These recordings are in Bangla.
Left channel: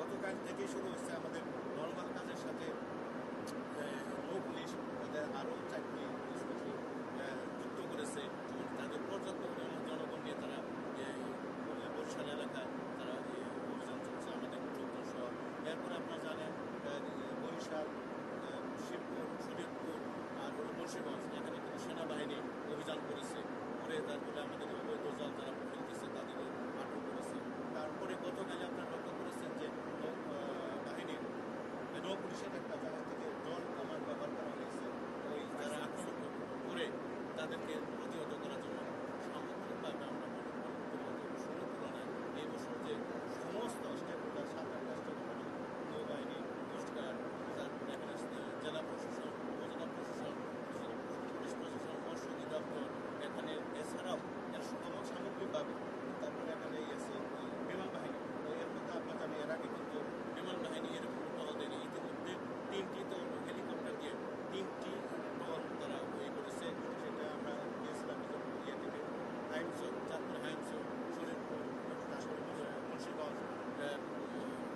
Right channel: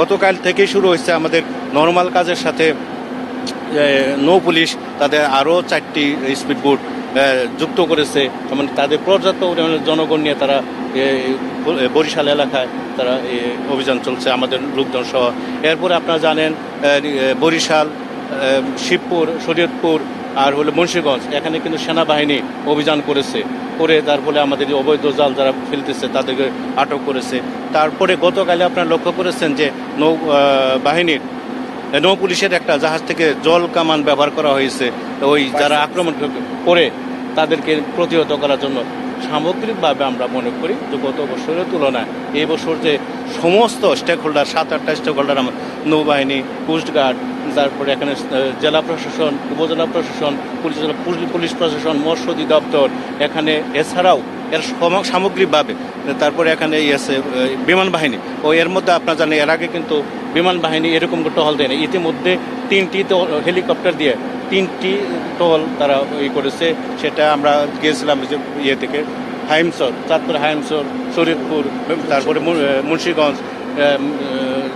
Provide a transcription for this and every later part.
গতকাল থেকে শুরু হয়েছে আমাদের নর্মাল কাজের সাথে নৌ পুলিশ তাদের আরও চারটি স্পিড বোট যুক্ত করেছে। মানে তাদের পর্যাপ্ত পরিমাণে জনগণ নিয়ে তারা বরিশাল এলাকায় তারা অভিযান চলছে আমাদের লোকজন সহ। এরপরে আপনারা জানেন বরিশাল শিবপুর, শরীয়তপুর আর হলো মুন্সীগঞ্জ। এখানে কিন্তু সেনাবাহিনী অভিযান করেছে। করে তার ফলে আমাদের অবৈধ জাল যারা ফেলতেছে, তাদেরকে আটক করেছে। তারপরে গতকালে আপনারা লক্ষ্য করেছেন যে নৌ বাহিনীর নৌ পুলিশের একটা জাহাজ থেকে জল কামান ব্যবহার করা হয়েছে। ওই যারা আক্রমণ করে তাদেরকে প্রতিহত করার জন্য সামগ্রিকভাবে আমরা মনে করি যে গত বছরের তুলনায় এই বছর যে সমস্ত স্টেক হোল্ডার সাত, আটটা স্টেক হোল্ডার নৌবাহিনী কোস্টগার্ড তারপরে এখানে জেলা প্রশাসন, উপজেলা প্রশাসন, পুলিশ পুলিশ- প্রশাসন, মৎস্য অধিদপ্তর, এখানে এছাড়াও এর সামগ্রিকভাবে, তারপরে এখানে আছে বিমান বাহিনী। ও এর মধ্যে আপনারা জানেন, এর আগে কিন্তু বিমান বাহিনী এরকম টহল দেয় না ইতিমধ্যে তিনটি হেলিকপ্টার দিয়ে তিনটি টহল তারা ই করেছে। সেটা আমরা গিয়েছিলাম যে ইয়ে থেকে, হাইমসর, চাঁদপুর, হাইমসর শরীরপুর তারপরে মুন্সিগঞ্জ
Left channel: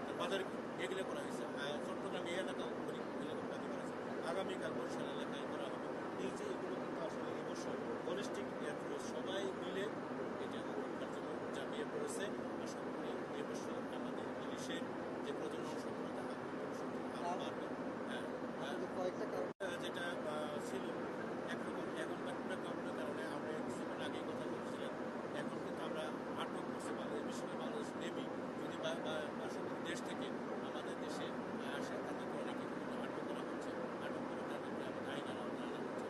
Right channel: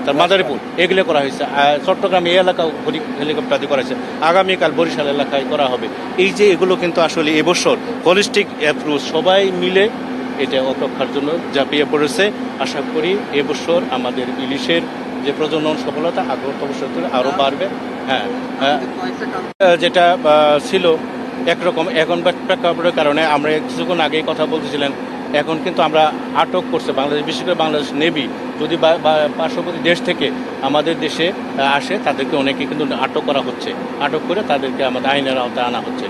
তার মাদারীপুর। এগুলো করা হয়েছে। চট্টগ্রাম এই এলাকাও হেলি- হেলিকপ্টার দিয়ে করা হয়েছে। আগামীকাল বরিশাল এলাকায় করা হবে। এই যে এগুলো কিন্তু আসলে এবছর হলিস্টিক অ্যাপ্রোচ সবাই মিলে এটা অপেক্ষার জন্য ঝাঁপিয়ে পড়েছে। আশা করি এবছর আমাদের ইলিশের যে প্রজনন সফলতা আগ্রহ ধরে আরও বাড়বে। হ্যাঁ হ্যাঁ। যেটা ছিল একরকম। এখন প্রেক- প্রেক্ষাপটের কারণে আমরা কিছুক্ষণ আগেই কথা বলতেছিলেন। এখন কিন্তু আমরা আটক করছে বাংলাদেশ, বিশেষ করে বাংলাদেশ নেভি যদি পার্শ্ববর্তী দেশ থেকে আমাদের দেশে আসে, তাদেরকে অনেকে কিন্তু আটক করা হচ্ছে। আটক করে তাদেরকে আমাদের আইনের আওতায় আনা হচ্ছে।